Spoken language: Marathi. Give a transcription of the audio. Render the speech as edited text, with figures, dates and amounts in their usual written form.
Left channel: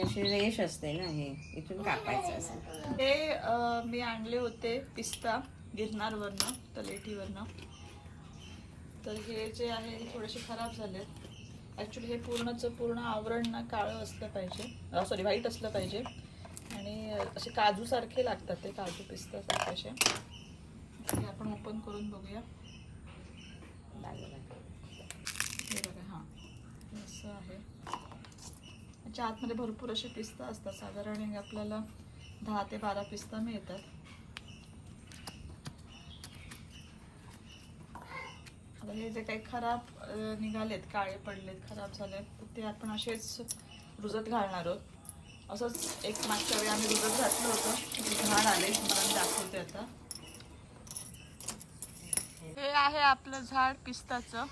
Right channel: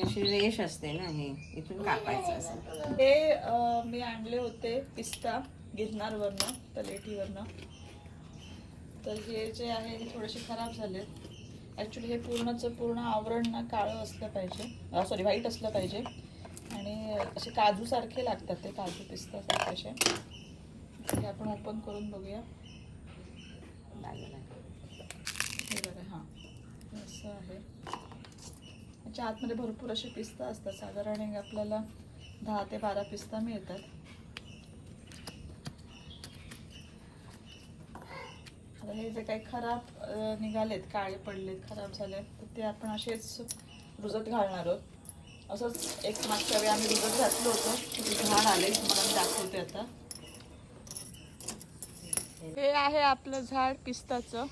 अशी रेष असते ना, हे इथून कापायचं असं. हे मी आणले होते पिस्ता गिरनारवरनं, तलेटीवरनं. तर हे जे आहे हे थोडेसे खराब झाले. ॲक्च्युली हे पूर्णचं पूर्ण आवरण ना काळं असलं पाहिजे, सॉरी व्हाईट असलं पाहिजे. आणि असे काजूसारखे लागतात ते, काजू पिस्तासारखे असे. हे आपण ओपन करून बघूया. हे बघा, हां असं आहे. याच्या आतमध्ये भरपूर असे पिस्ता असतात. साधारण आपल्याला 10 ते 12 पिस्ता मिळतात. आता हे जे काही खराब निघालेत, काळे पडलेत, खराब झालेत, तर ते आपण असेच रुजत घालणार आहोत. असंच एक मागच्या वेळी आम्ही रुजत घातलं होतं, झाड आले, मला दाखवते आता. हे आहे आपलं झाड पिस्ताचं.